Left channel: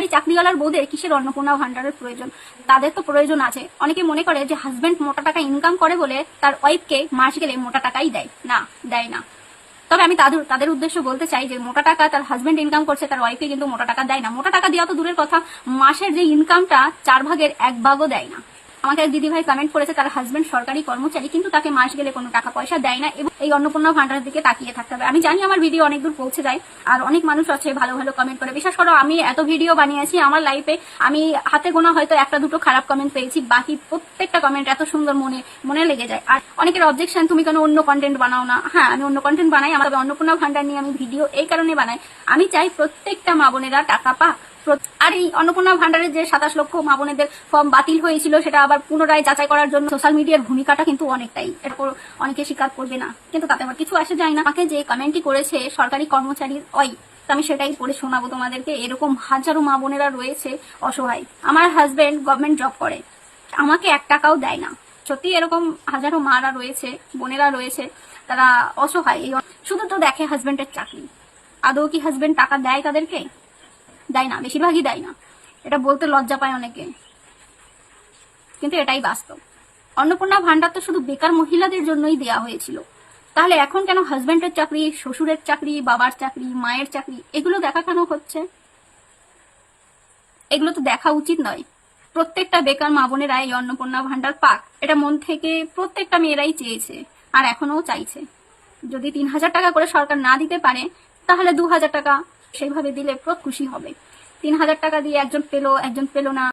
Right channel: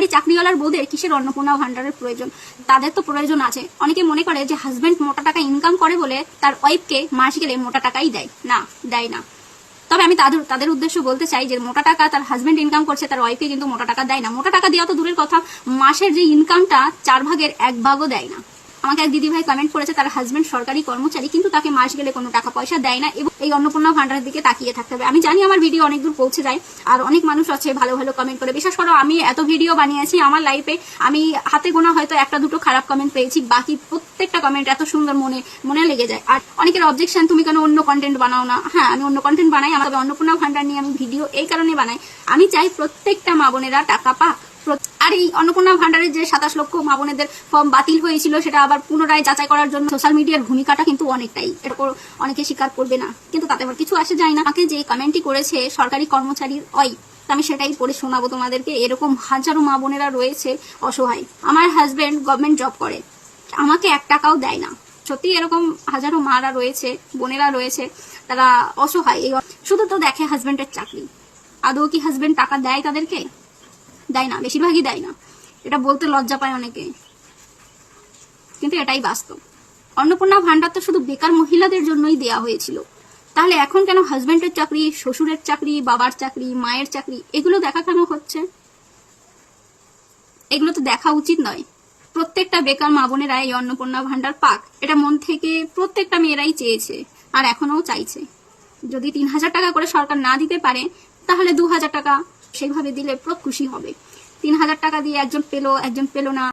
সরকারি চাকরিওয়ালার বউদের কিসের অন্নপূর্ণা ভান্ডারের প্রয়োজন? তাদের তো প্রয়োজন আছে। অনেকে মনে করে যে হাজবেন্ড মোটা টাকা ইনকাম করে বলে তার ওয়াইফকে মাস গেলে মোটা টাকাই দেয়। না, দেয় না। তবে আমি তাদের উদ্দেশ্য বলতে চাই যে মোটা টাকা তার হাজবেন্ড ইনকাম করছে, তার ওয়াইফকে কিন্তু মোটা টাকা দেয় না। মোটা টাকা দেওয়া তো দূরের কথা, মাসের যে ইনকামটা 4 ভাগের 1 ভাগও দেয় না। আমাকে এক দিদি ভাই কমেন্ট করেছে তার হাজবেন্ড সরকারি কর্মচারী, কিন্তু তাকে মাস গেলে কোনো টাকা পয়সা দেয় না, এবং এই অন্নপূর্ণা ভান্ডারের দিকে তাকিয়ে থাকতে হবে। আমি জানি আমার ভিডিও অনেক দূর পৌঁছে যায়, আর অনেক মানুষ আছে ভালো ভালো কমেন্ট করে। বিশেষ করে আমি এত ভিডিও বানিয়েছি, আমার লাইফে আমি হাতে গোনা হয়তো 1-2 খারাপ কমেন্ট পেয়েছি, বাকি প্রত্যেকটা কমেন্ট এত সুন্দর মনে লেগে যায়। আর অনেকের অবজেকশন, তুমি কেন অন্য কন্টেন্ট বানাও না? হ্যাঁ, আমি অন্য কন্টেন্ট বানাই, আমার অন্নপূর্ণা ভান্ডার নিয়ে আমি ভিডিও এই কারণে বানাই, আমি চাই প্রত্যেকটা মা বোনেরা টাকা পাক। আর এই অন্নপূর্ণা ভান্ডারের যে 27 লক্ষ মা বোনেদের ফর্ম বাতিল হয়েছিল, সেটা আবার পুনরায় যাচাই করার জন্য সোশ্যাল মিডিয়ার ভূমিকাটা কিন্তু অনেকটাই, এরপর অনেকে স্বীকার করবে না, কিন্তু তাতে আবার কিছু আসে যায় না। আমাকে যে কমেন্টটি করেছে সরকারি কর্মচারীর আমি সেটাই পড়ে শোনাবো তোমাদেরকে। এরকম হাজারো মা বোনেরা রয়েছে অসহায়। আমার হাজবেন্ড গভর্নমেন্ট জব করে, আমাকে 1 টাকাও দেয় না। সত্যি এরকম হাজারো মারা রয়েছে, বোনেরা রয়েছে, তারা অসহায়। শুধু তো দেখে হাজবেন্ডের চাকরি, আদৌ কি হাজবেন্ড টাকা দেয় তাদেরকে? দেয় না, বেশিরভাগই দেয় না। এটা বলতে লজ্জা পায় অনেকে, কিন্তু এটাই বাস্তব। অন্নপূর্ণা ভান্ডার তো শুধু বেকার মহিলাদের জন্যই দেয়া হয়েছিল, তাহলে এখন কেন হাজবেন্ডের চাকরি, শ্বশুরের চাকরি, বাবার চাকরি, মায়ের চাকরি এগুলো দেখা কেন হচ্ছে? এগুলো তো দেখা উচিত নয়। প্রত্যেকটা বেকার মা বোনেরা এই অন্নপূর্ণা ভান্ডার পাক, এটা মন থেকে প্রত্যেকটা মেয়েরাই চেয়েছে, আর এখনো চাইছে। যদি 3000 টাকা করে সরকার না দিতে পারে, তাহলে 2000 টাকা সেইভাবে দিলে খুব খুশি হবে। 3000 টাকা দিয়ে একজন পেলো, একজন পেলো না।